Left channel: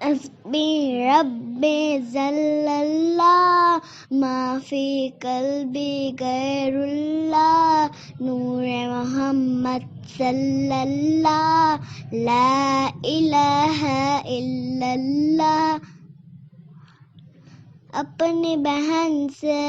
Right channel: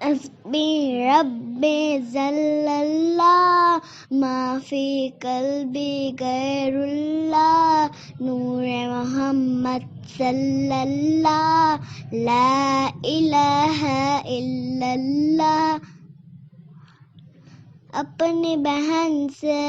حسبی ربی jallallah ما فی قلبی غیر اللہ نور محمد صلی اللہ لا الہ الا اللہ. اپنی بہن سے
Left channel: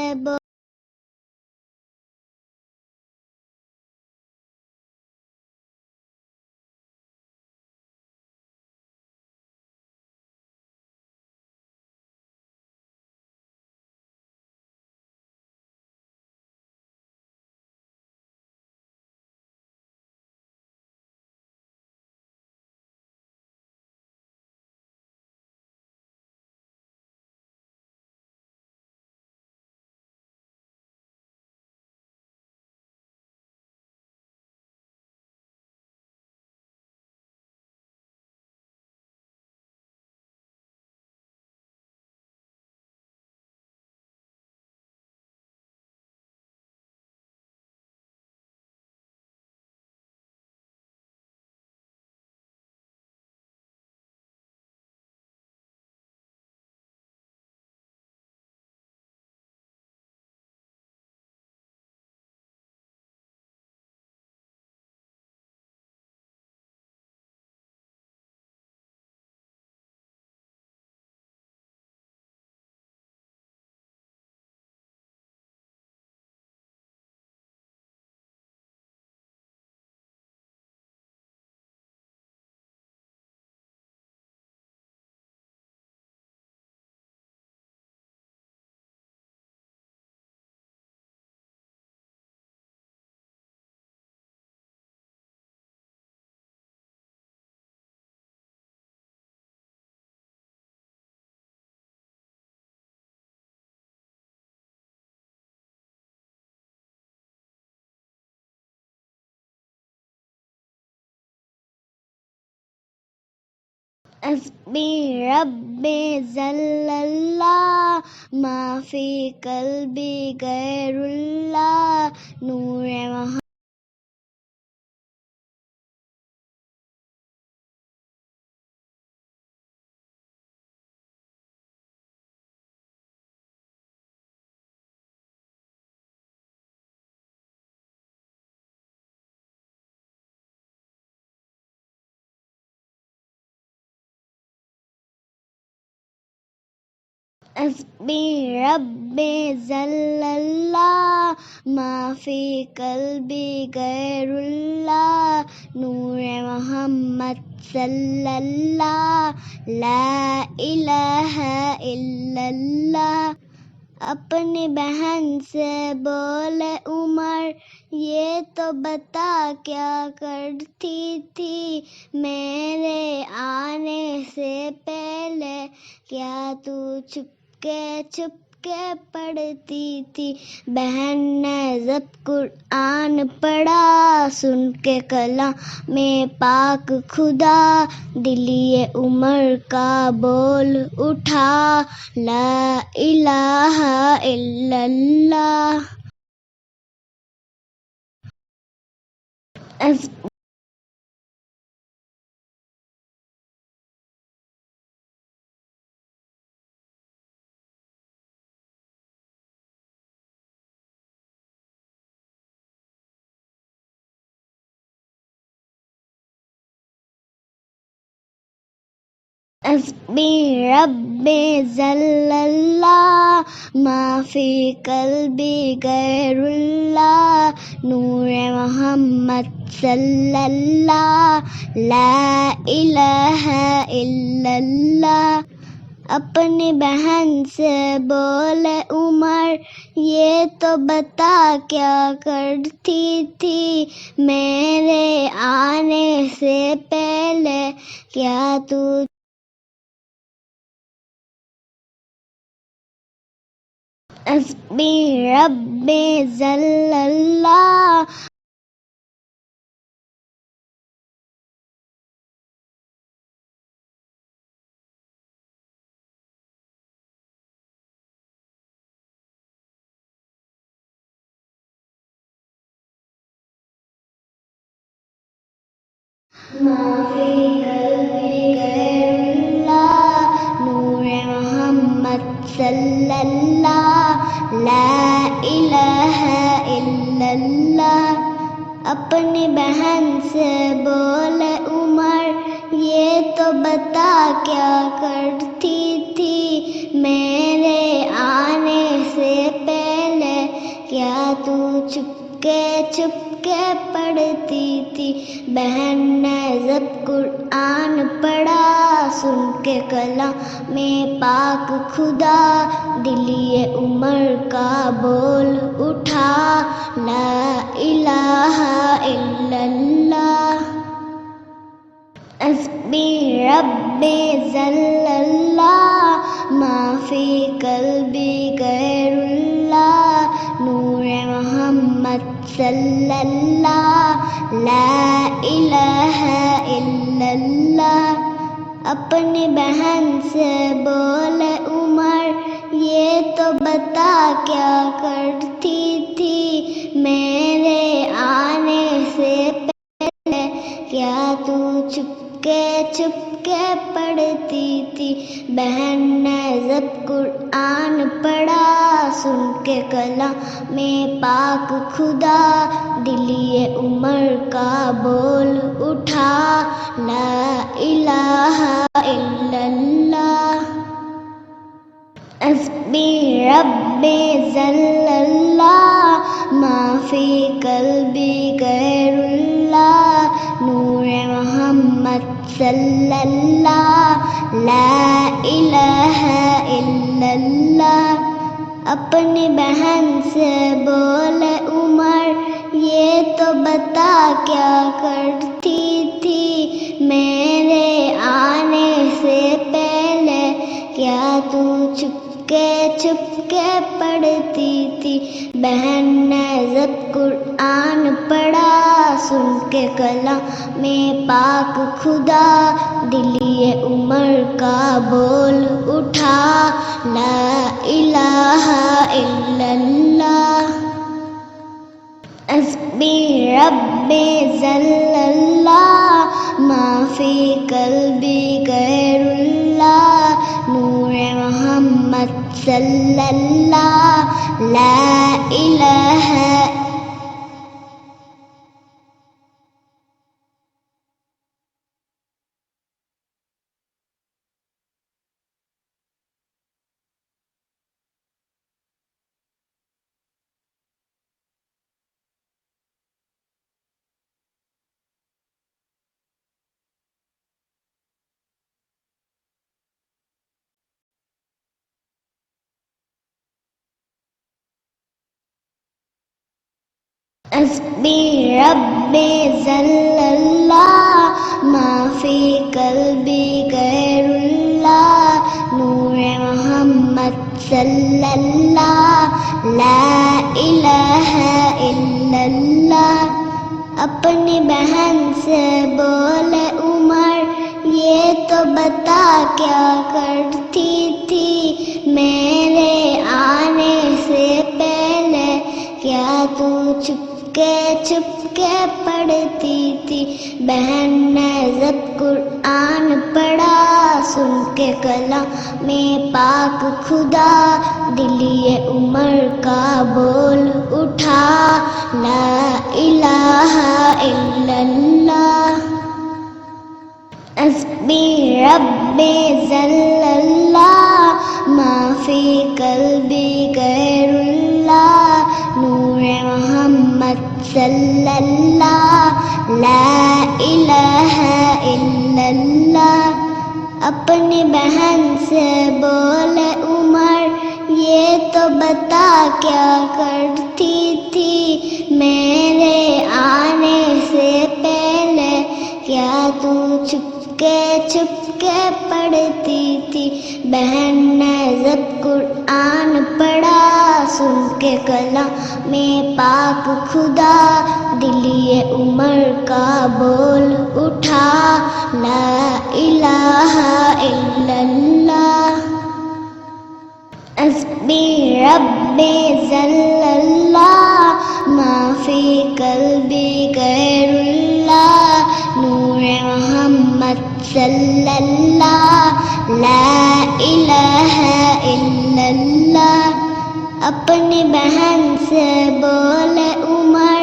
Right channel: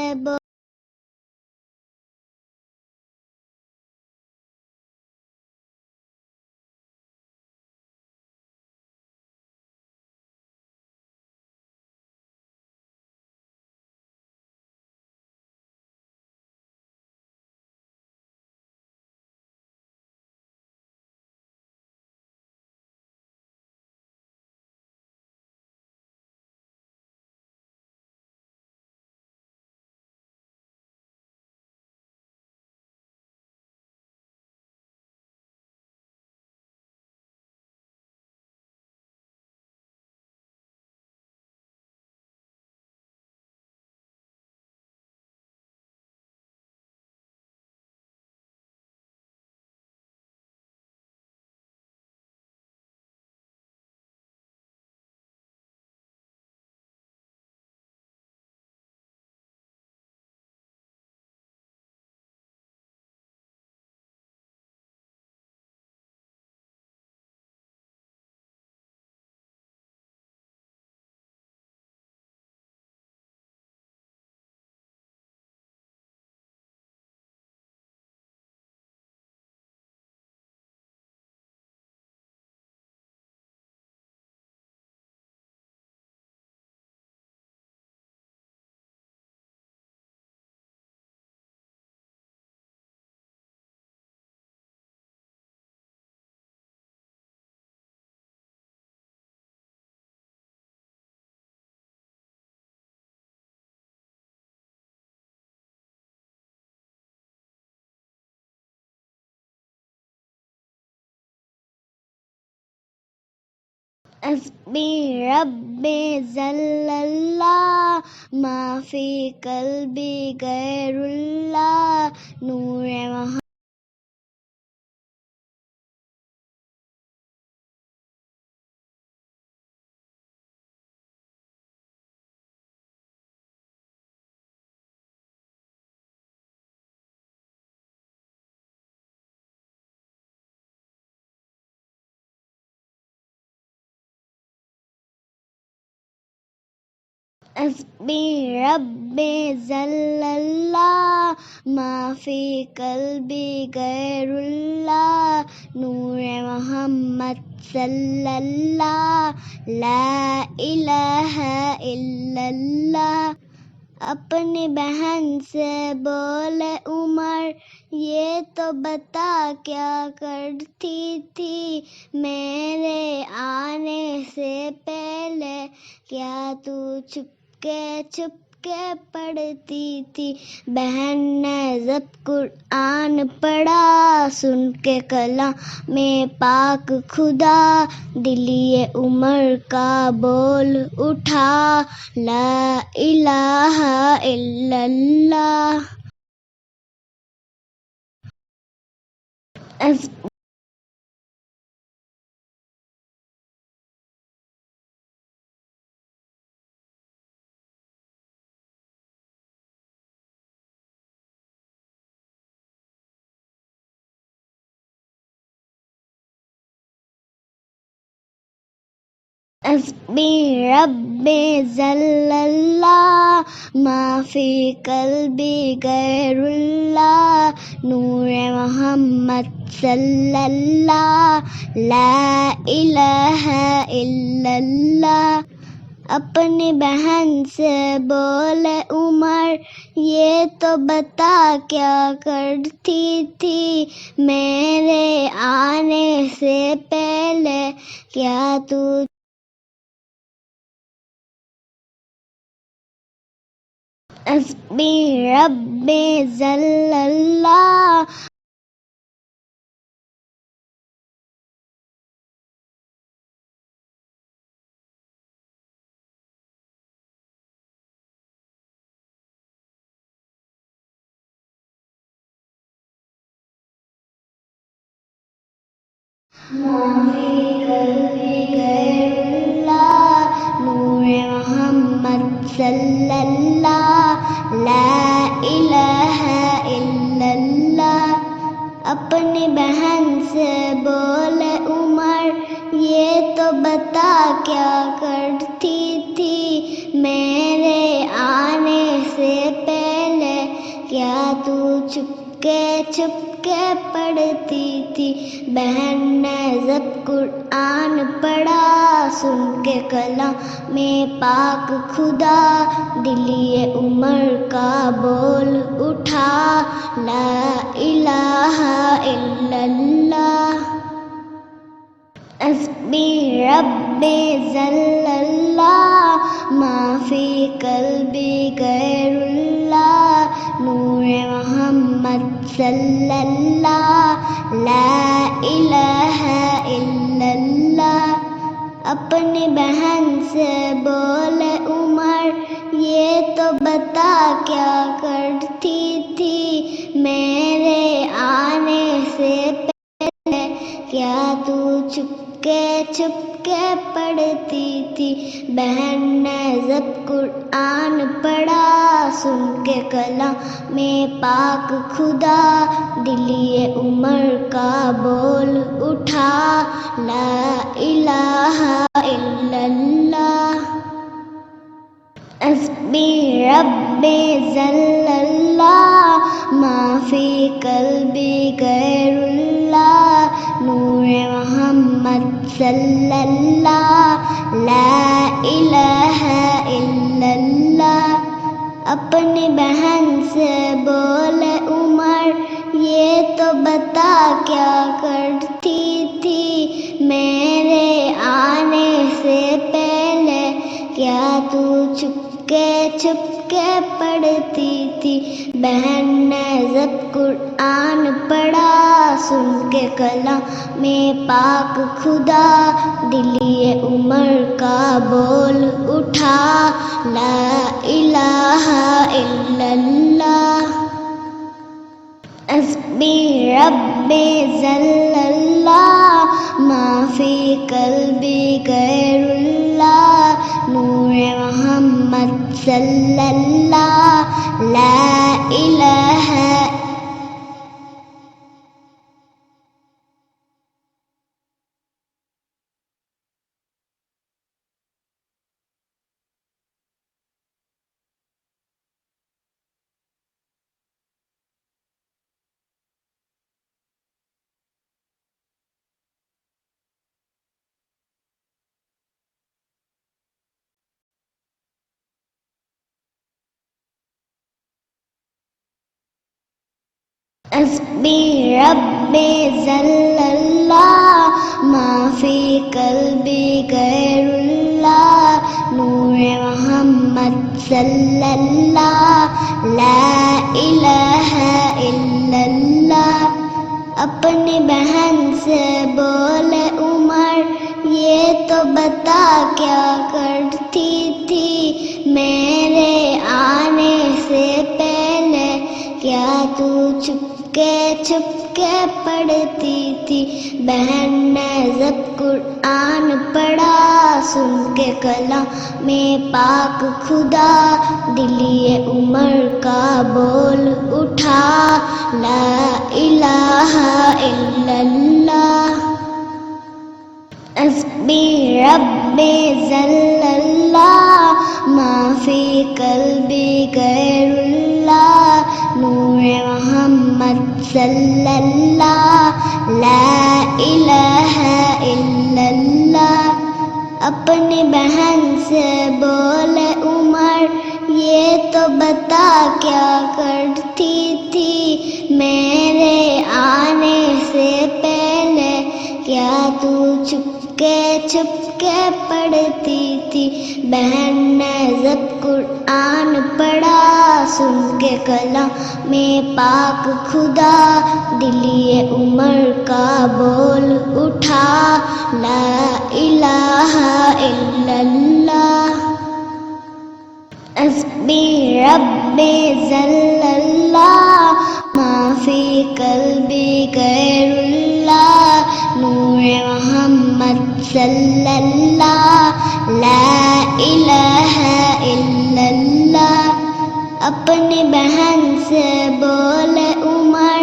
حسبی ربی jallallah ما فی قلبی غیر اللہ نور محمد. حسبی ربی jallallah ما فی قلبی غیر اللہ نور محمد صلی اللہ لا الہ الا اللہ. اپنی بہن سے بولے عمر یہ تو بتا کیا کرتی تھی میرے آنے سے پہلے کیا تو چھپ کے پڑھتی تھی. بہن نے ضبط قرآن پڑھا سن کے کلام میں پاک خدا دلی عمر کا بول اٹھا لا الہ الا اللہ. حسبی ربی jallallah ما فی قلبی غیر اللہ نور محمد صلی اللہ لا الہ الا اللہ. اپنی بہن سے بولے عمر یہ تو بتا کیا کرتی تھی میرے آنے سے پہلے کیا تو حسبی ربی jallallah ما فی قلبی غیر اللہ نور محمد صلی اللہ لا الہ الا اللہ. اپنی بہن سے بولے عمر یہ تو بتا کیا کرتی تھی میرے آنے سے پہلے, کیا تو چپ کے پڑھتی تھی؟ بہن نے جب قرآن پڑھا سن کے کلام میں پاک خدا, دلی عمر کا بول اٹھا لا الہ الا اللہ. حسبی ربی جلاللہ ما فی قلبی غیر اللہ, نور محمد صلی اللہ لا الہ الا اللہ. اپنی بہن سے بولے عمر یہ تو بتا کیا کرتی تھی میرے آنے سے پہلے, کیا تو چپ کے پڑھتی تھی؟ بہن نے جب قرآن پڑھا سن کے کلام میں پاک خدا, دلی عمر کا بول اٹھا لا الہ الا اللہ. حسبی ربی جلاللہ ما فی قلبی غیر اللہ, نور محمد صلی اللہ لا الہ الا اللہ. اپنی بہن سے بولے عمر یہ تو بتا کیا کرتی تھی میرے آنے سے پہلے, کیا تو چپ کے پڑھتی تھی؟ بہن نے جب قرآن پڑھا سن کے کلام میں پاک خدا, دلی عمر کا بول اٹھا لا الہ الا اللہ. حسبی ربی جلاللہ ما فی قلبی غیر اللہ, نور محمد صلی اللہ لا الہ. حسبی ربی جلاللہ ما فی قلبی غیر اللہ, نور محمد صلی اللہ لا الہ الا اللہ. اپنی بہن سے بولے عمر یہ تو بتا کیا کرتی تھی میرے آنے سے پہلے, کیا تو چپ کے پڑھتی تھی؟ بہن نے جب قرآن پڑھا سن کے کلام میں پاک خدا, دلی عمر کا بول اٹھا لا الہ الا اللہ. حسبی ربی جلاللہ ما فی قلبی غیر اللہ, نور محمد صلی اللہ لا الہ الا اللہ. اپنی بہن سے بولے عمر یہ تو بتا کیا کرتی تھی میرے آنے سے پہلے, کیا تو چپ کے پڑھتی تھی؟ بہن نے جب قرآن پڑھا سن کے کلام میں پاک خدا, دلی عمر کا بول اٹھا لا الہ الا اللہ. حسبی ربی جلاللہ ما فی قلبی غیر اللہ, نور محمد صلی اللہ لا الہ الا اللہ. اپنی بہن سے بولے عمر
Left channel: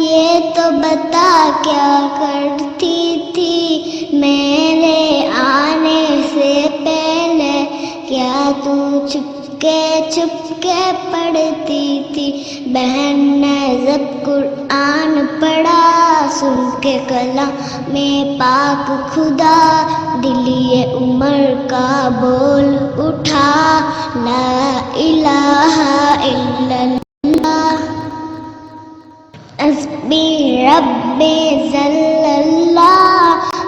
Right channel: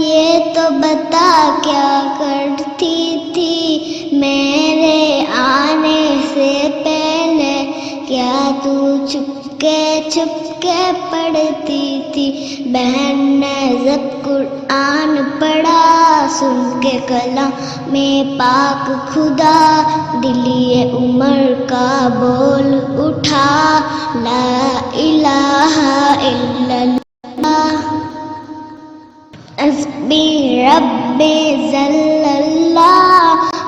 یہ تو بتا کیا کرتی تھی میرے آنے سے پہلے, کیا تو چپکے پڑھتی تھی؟ بہن نے جب قرآن پڑھا سن کے کلام پاک خدا, دلی عمر کا بول اٹھا لا الہ الا اللہ. حسبی ربی جلاللہ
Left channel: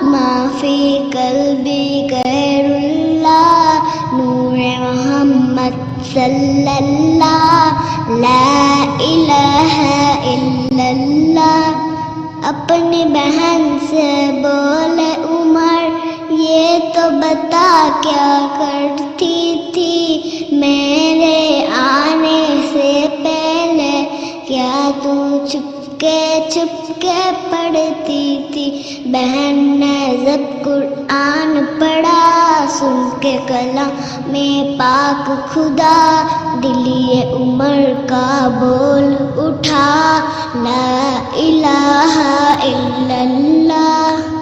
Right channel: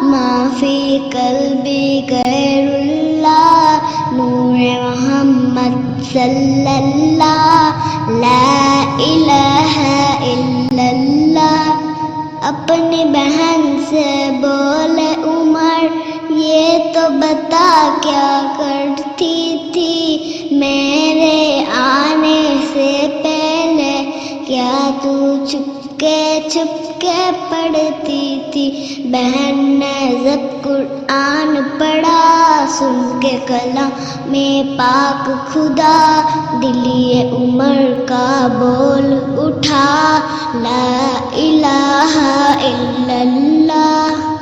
ما فی قلبی غیر اللہ, نور محمد صلی اللہ لا الہ الا اللہ. اپنی بہن سے بولے عمر یہ تو بتا کیا کرتی تھی میرے آنے سے پہلے, کیا تو چپکے پڑھتی تھی؟ بہن نے جب قرآن پڑھا سن کے کلام پاک خدا, دلی عمر کا بول اٹھا لا الہ الا اللہ.